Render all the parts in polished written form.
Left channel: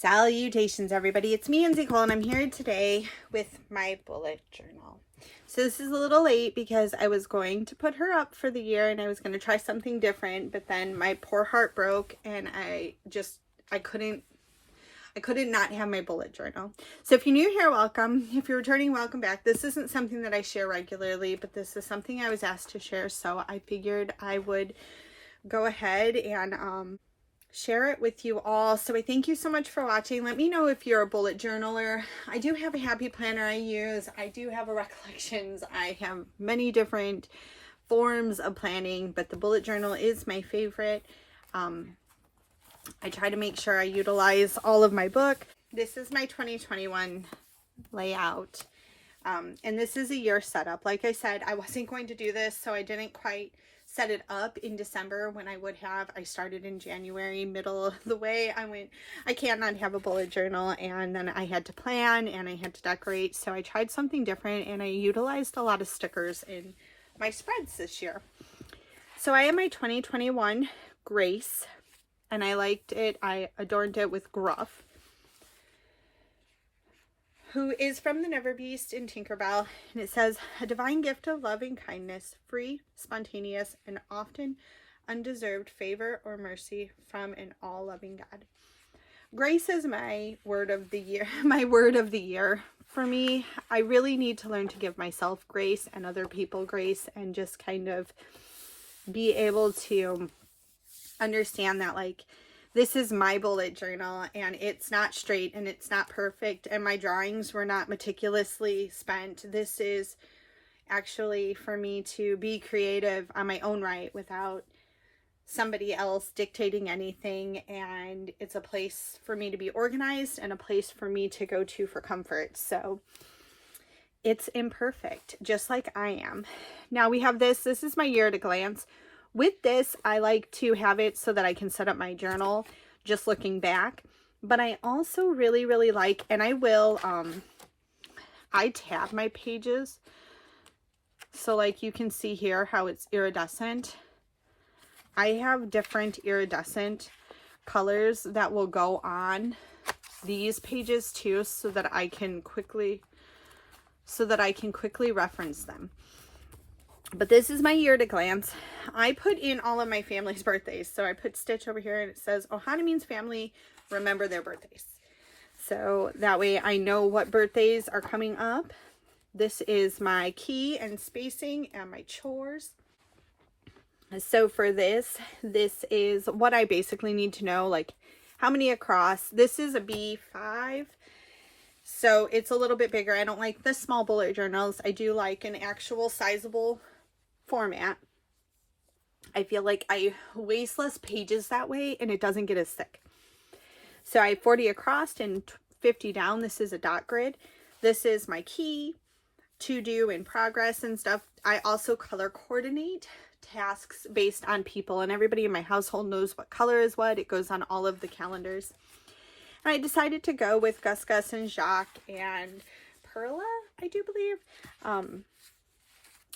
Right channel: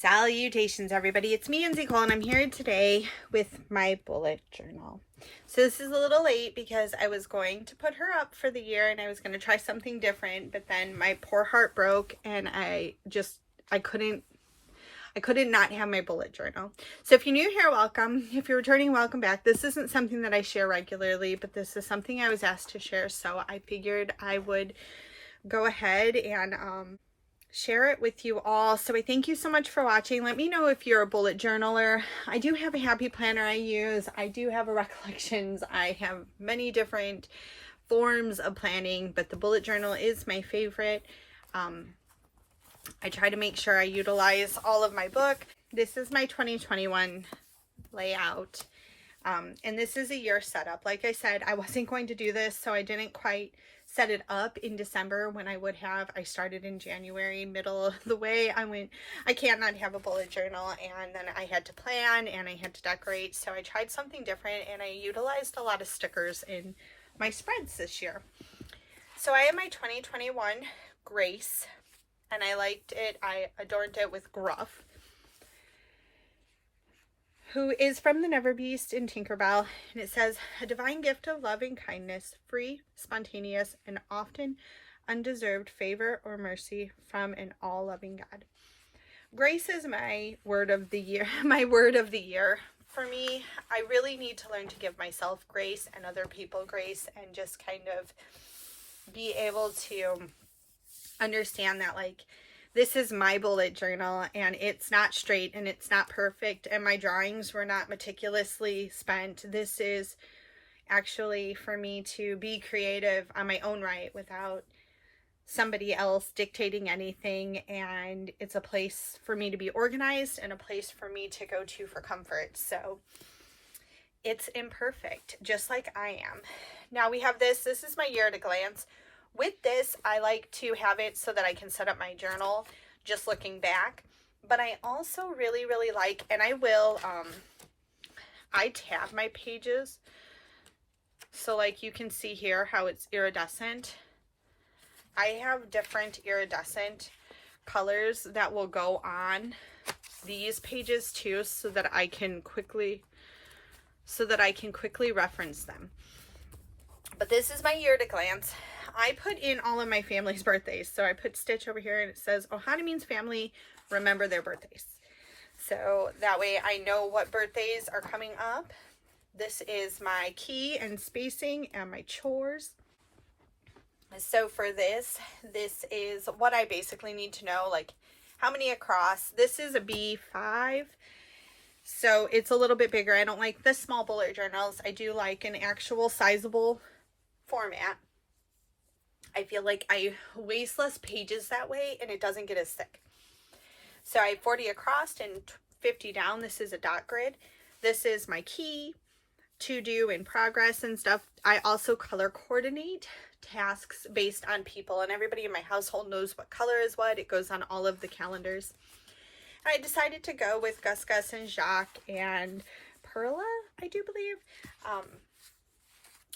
Salutations, everybody. It's me, Nicole, and I'm here today with my bullet journal. So this is a little late because I was going to put her up for the year and I was going to try something different, but then my poor heart broke and I couldn't not have my bullet journal. So if you're new here, welcome. If you're returning, welcome back. This isn't something that I share regularly, but this is something I was asked to share, so I figured I would go ahead and share it with you all. So I thank you so much for watching. Let me know if you're a bullet journaler. I do have a happy planner I use. I do have a recollections. I have many different forms of planning, but the bullet journal is my favorite. I try to make sure I utilize all of my book. This is my 2021 layout. And this is a year setup. Like I said, I wasn't going to do this, so I didn't quite set it up in December when I would have. I started in January, middle of the way. I can't not have a bullet journal, and then I had to plan and I had to decorate. So I tried something different and I utilized a lot of stickers in my spreads this year. So I have my 2021 Grace, and I liked it. I adorned it with Gruff, who is from the Never Beast in Tinkerbell, and it says, a divine gift of love and kindness, free, spontaneous, and often undeserved favor or mercy from an all-loving God. Grace is my word of the year, my word of the year. For me, I really need to learn to give myself grace and other people grace, and just kind of be able to understand that, like, this is my bullet journal and it's not straight and it's not perfect and my drawings were not meticulously spent. This is actually for me to be creative on my own right without somebody else dictating anything, and it's a place for me to be organized and a place for me to go to for comfort. So it's imperfect, just like I am. Now we have this is my year at a glance. With this, I like to have it so that I can set up my journal just looking back. But I also really, really like, and I will, I tab my pages. So like you can see here how it's iridescent. I have different iridescent colors that will go on these pages too, so that I can quickly reference them. But this is my year at a glance. I put in all of my family's birthdays. So I put Stitch over here and it says, Ohana means family, remember their birthdays. So that way I know what birthdays are coming up. This is my key and spacing and my chores. So for this is what I basically need to know, like how many across. This is a B5. So it's a little bit bigger. I don't like the small bullet journals. I do like an actual sizable format. I feel like I waste less pages that way and it doesn't get as thick. So I have 40 across and 50 down. This is a dot grid. This is my key, to do, in progress and stuff. I also color coordinate tasks based on people, and everybody in my household knows what color is what. It goes on all of the calendars. And I decided to go with Gus Gus and Jacques and Perla, I do believe,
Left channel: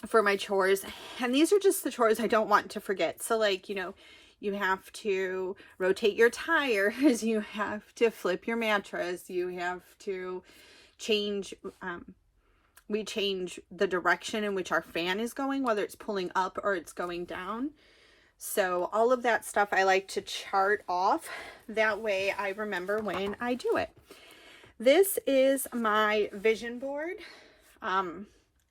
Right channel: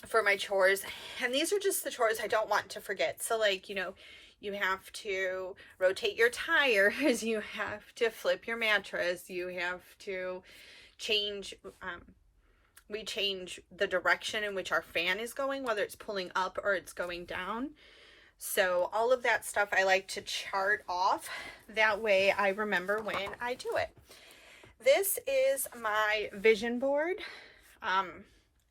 for my chores. And these are just the chores I don't want to forget. So like, you know, you have to rotate your tires, you have to flip your mattress, you have to change, we change the direction in which our fan is going, whether it's pulling up or it's going down. So all of that stuff I like to chart off. That way I remember when I do it. This is my vision board.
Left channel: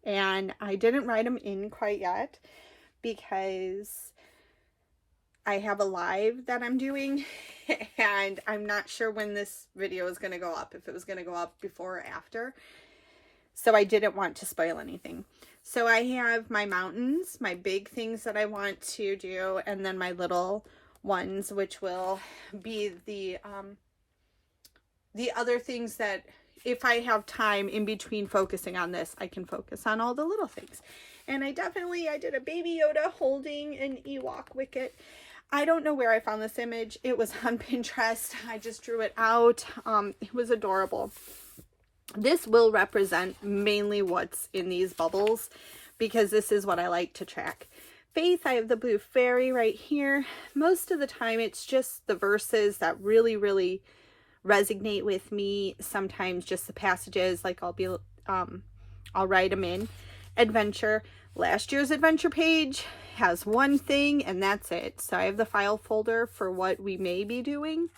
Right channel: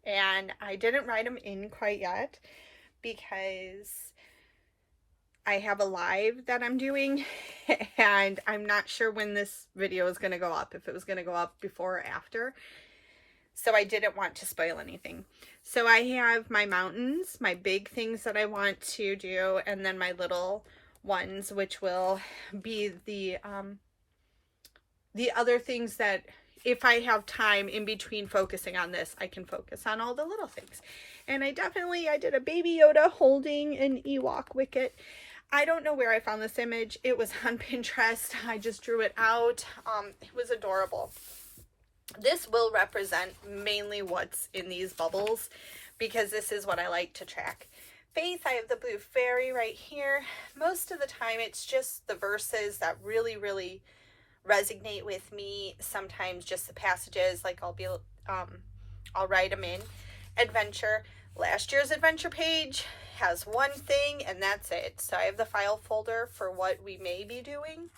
And I didn't write them in quite yet because I have a live that I'm doing and I'm not sure when this video is going to go up, if it was going to go up before or after. So I didn't want to spoil anything. So I have my mountains, my big things that I want to do, and then my little ones, which will be the other things that if I have time in between focusing on this, I can focus on all the little things. And I did a Baby Yoda holding an Ewok wicket. I don't know where I found this image. It was on Pinterest. I just drew it out. It was adorable. This will represent mainly what's in these bubbles because this is what I like to track. Faith, I have the blue fairy right here. Most of the time it's just the verses that really, really resonate with me. Sometimes just the passages, like I'll write them in. Adventure. Last year's adventure page has one thing and that's it. So I have the file folder for what we may be doing.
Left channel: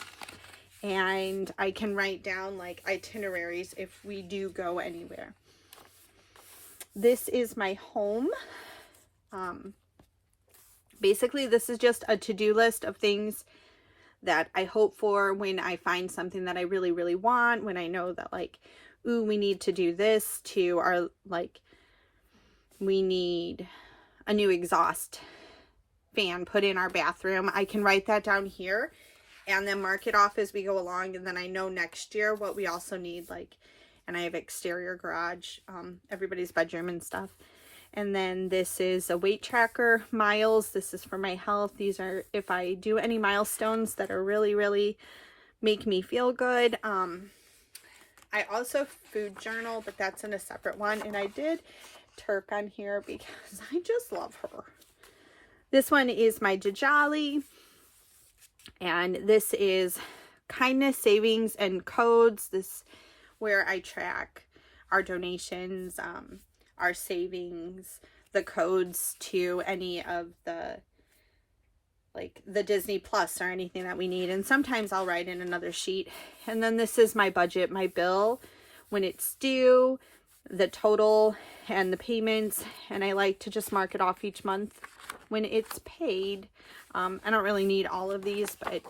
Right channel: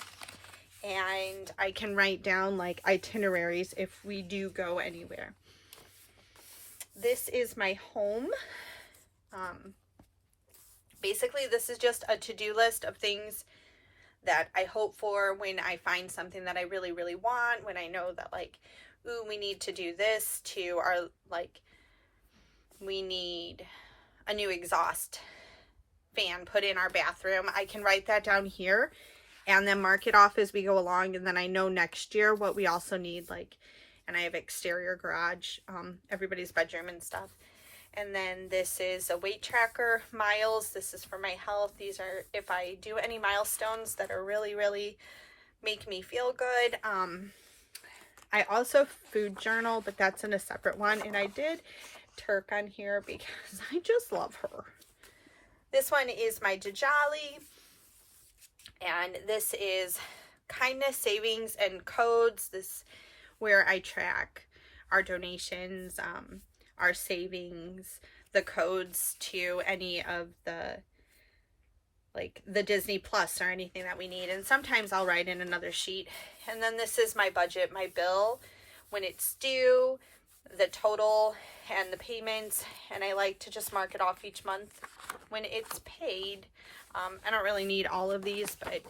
And I can write down like itineraries if we do go anywhere. This is my home. Basically, this is just a to-do list of things that I hope for when I find something that I really, really want. When I know that like, ooh, we need to do this to our, like, we need a new exhaust fan put in our bathroom. I can write that down here and then mark it off as we go along. And then I know next year what we also need, like, and I have exterior garage, everybody's bedroom and stuff. And then this is a weight tracker, miles. This is for my health. These are if I do any milestones that are really, really make me feel good. I also food journal, but that's in a separate one. And I did Turk on here because I just love her. This one is my Djali. And this is kindness, savings, and codes. This where I track our donations, our savings, the codes to any of the, like the Disney Plus or anything that we need. And sometimes I'll write in another sheet. And then this is my budget, my bill, when it's due, the total and the payments. And I like to just mark it off each month when it's paid. I don't really need all of these, but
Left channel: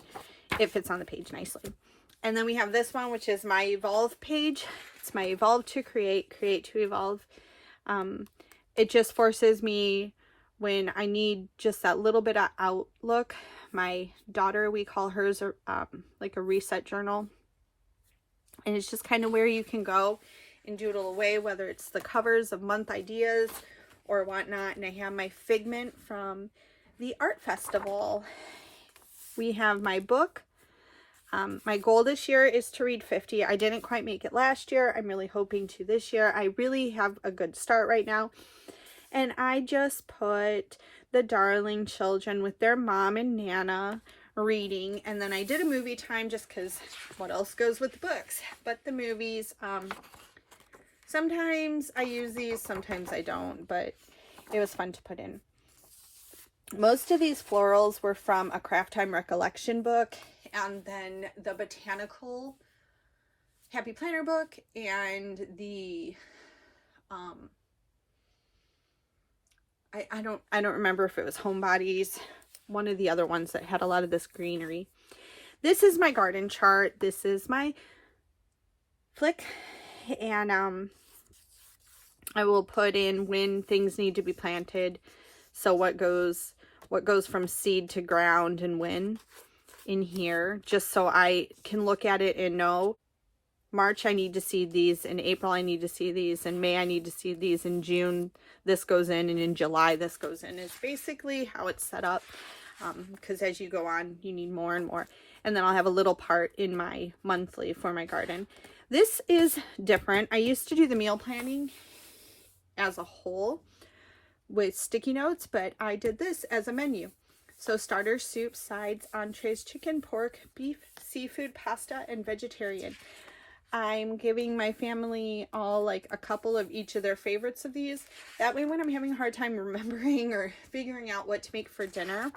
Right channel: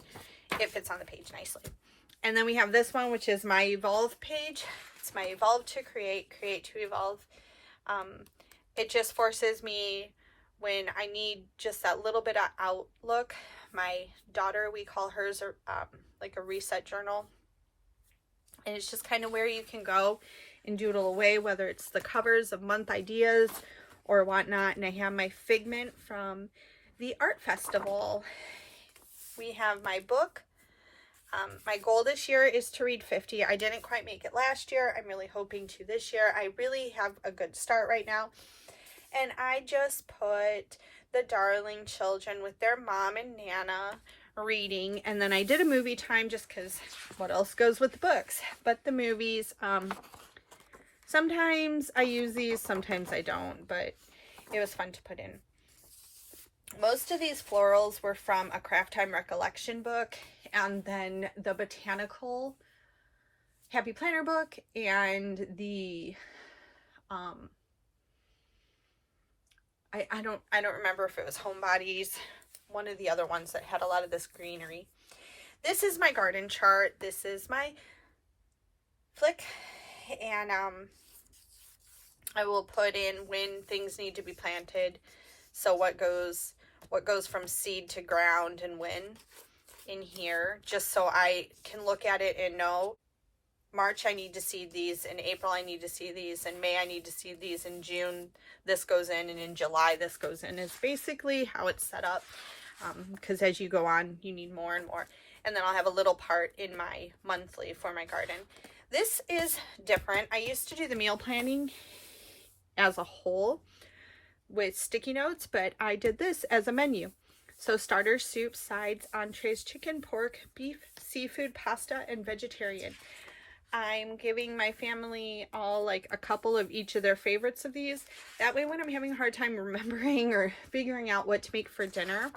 it fits on the page nicely. And then we have this one, which is my evolve page. It's my evolve to create, create to evolve. It just forces me when I need just that little bit of outlook. My daughter, we call hers like a reset journal. And it's just kind of where you can go and doodle away, whether it's the covers of month ideas or whatnot. And I have my figment from the art festival. We have my book. My goal this year is to read 50. I didn't quite make it last year. I'm really hoping to this year. I really have a good start right now. And I just put the darling children with their mom and Nana reading. And then I did a movie time just because what else goes with the books? But the movies, sometimes I use these, sometimes I don't. But it was fun to put in. Most of these florals were from a Craft Time recollection book, and then the botanical Happy Planner book, and the I don't remember if it was Homebodies, one of the other ones that had a lot of this greenery. This is my garden chart. This is my flick, and I will put in when things need to be planted. So what goes from seed to ground and when in here, just so I can look at it and know March I need to seed these, in April I need to seed these, in May I need to seed these, in June this goes in, and in July this goes in. It's basically how it's set up, because as you go on you need more and more. And then I'll have a little part in my monthly for my garden. This is different. I used to do the meal planning as a whole with sticky notes, but I did this as a menu. So starters, soups, sides, entrees, chicken, pork, beef, seafood, pasta, and vegetarian. I'm giving my family all like a couple of each of their favorites of these. That way when I'm having a hard time remembering or figuring out what to make for dinner,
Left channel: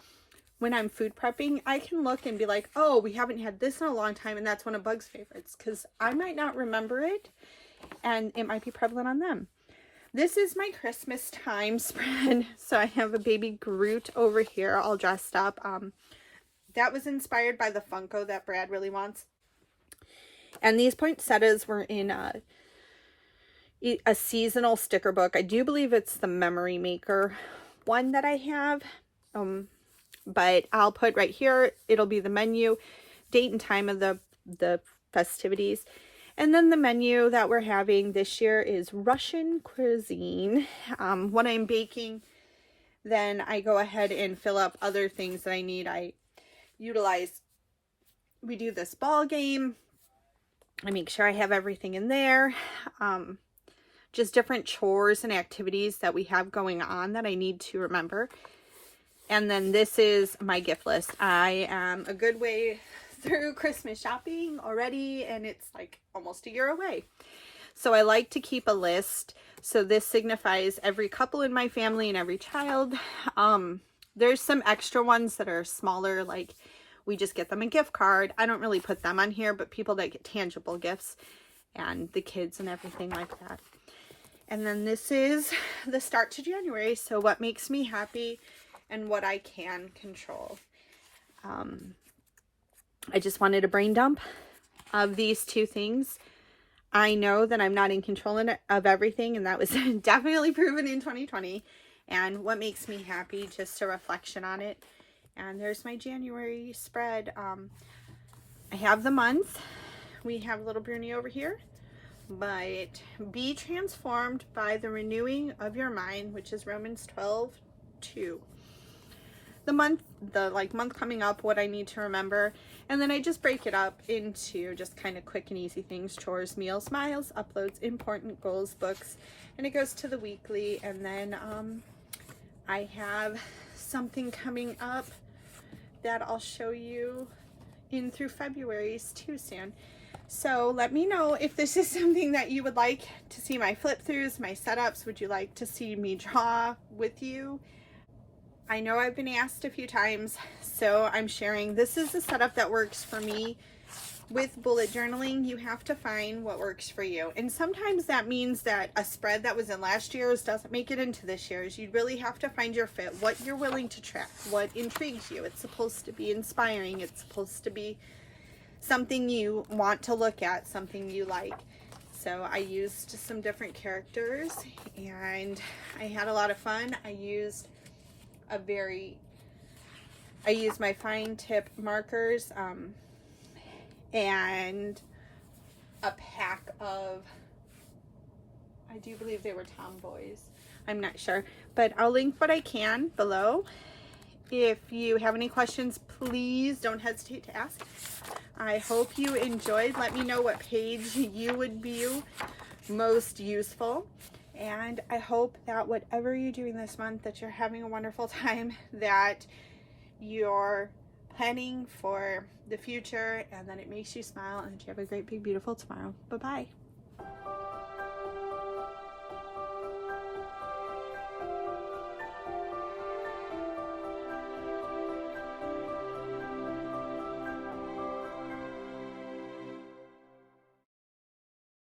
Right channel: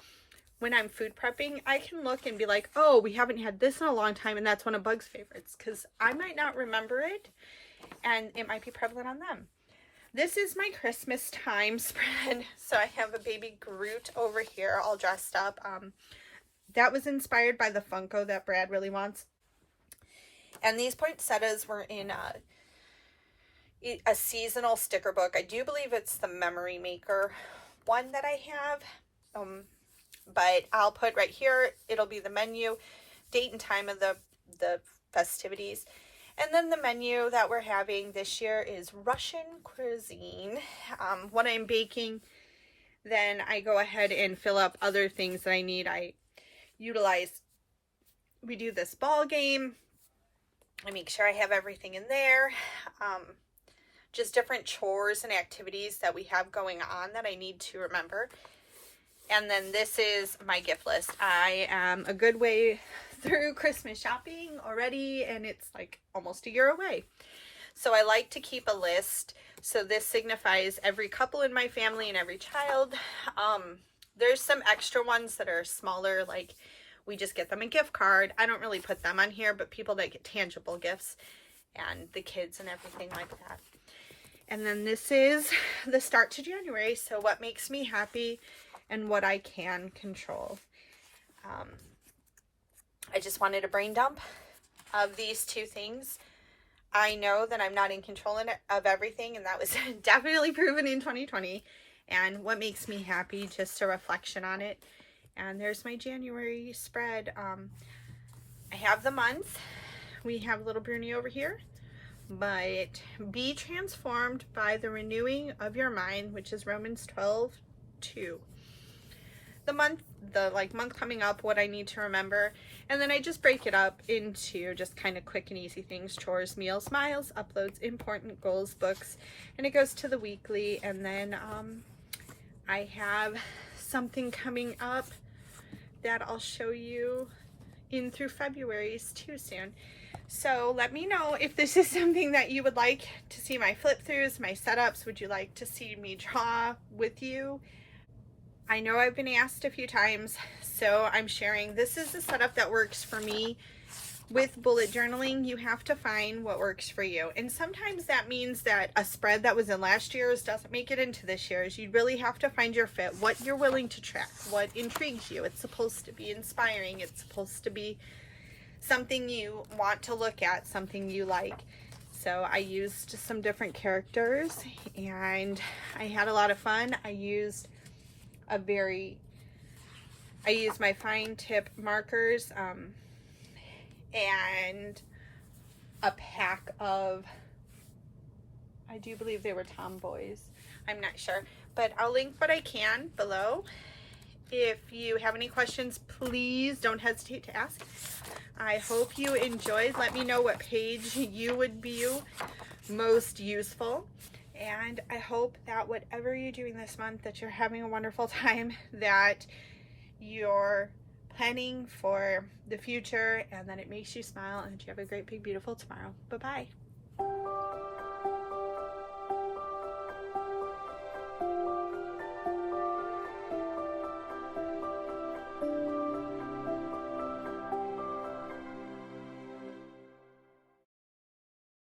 when I'm food prepping, I can look and be like, oh, we haven't had this in a long time, and that's one of Bug's favorites, because I might not remember it and it might be prevalent on them. This is my Christmas time spread. So I have a baby Groot over here all dressed up. That was inspired by the Funko that Brad really wants. And these poinsettias were in a seasonal sticker book. I do believe it's the Memory Maker one that I have. But I'll put right here, it'll be the menu, date and time of the festivities. And then the menu that we're having this year is Russian cuisine. When I'm baking, then I go ahead and fill up other things that I need. I utilize, we do this ball game. I make sure I have everything in there. Just different chores and activities that we have going on that I need to remember. And then this is my gift list. I am a good way through Christmas shopping already, and it's like almost a year away. So I like to keep a list. So this signifies every couple in my family and every child. There's some extra ones that are smaller, like we just get them a gift card. I don't really put them on here, but people that get tangible gifts and the kids and everything like that. And then this is the start to January. So what makes me happy and what I can control. I just wanted a brain dump of these two things. I know that I'm not in control of everything, and that was definitely proven in 2020. And what makes me happy, just a reflection on it. And there's my January spread. I have the month. We have little Bruni over here. But be transformed by the renewing of your mind, which is Romans 12:2. The month coming up, what I need to remember. And then I just break it up into just kind of quick and easy things: chores, meals, smiles, uploads, important goals, books, and it goes to the weekly. And then I have something coming up that I'll show you in through February's too soon. So let me know if this is something that you would like to see my flip throughs, my setups. Would you like to see me draw with you? I know I've been asked a few times, so I'm sharing. This is the setup that works for me. With bullet journaling, you have to find what works for you. And sometimes that means that a spread that was in last year's doesn't make it into this year's. You really have to find your fit, what you're willing to track, what intrigues you. It's supposed to be inspiring. It's supposed to be something you want to look at, something you like. So I used some different characters and I had a lot of fun. I used my fine tip markers and a pack of, I do believe they were tomboys. I'm not sure, but I'll link what I can below. If you have any questions, please don't hesitate to ask. I hope you enjoyed. Let me know what page you would view most useful. And I hope that whatever you're doing this month, that you're having a wonderful time, that you're planning for the future, and that it makes you smile, and that you have a great, big, beautiful tomorrow. Bye-bye.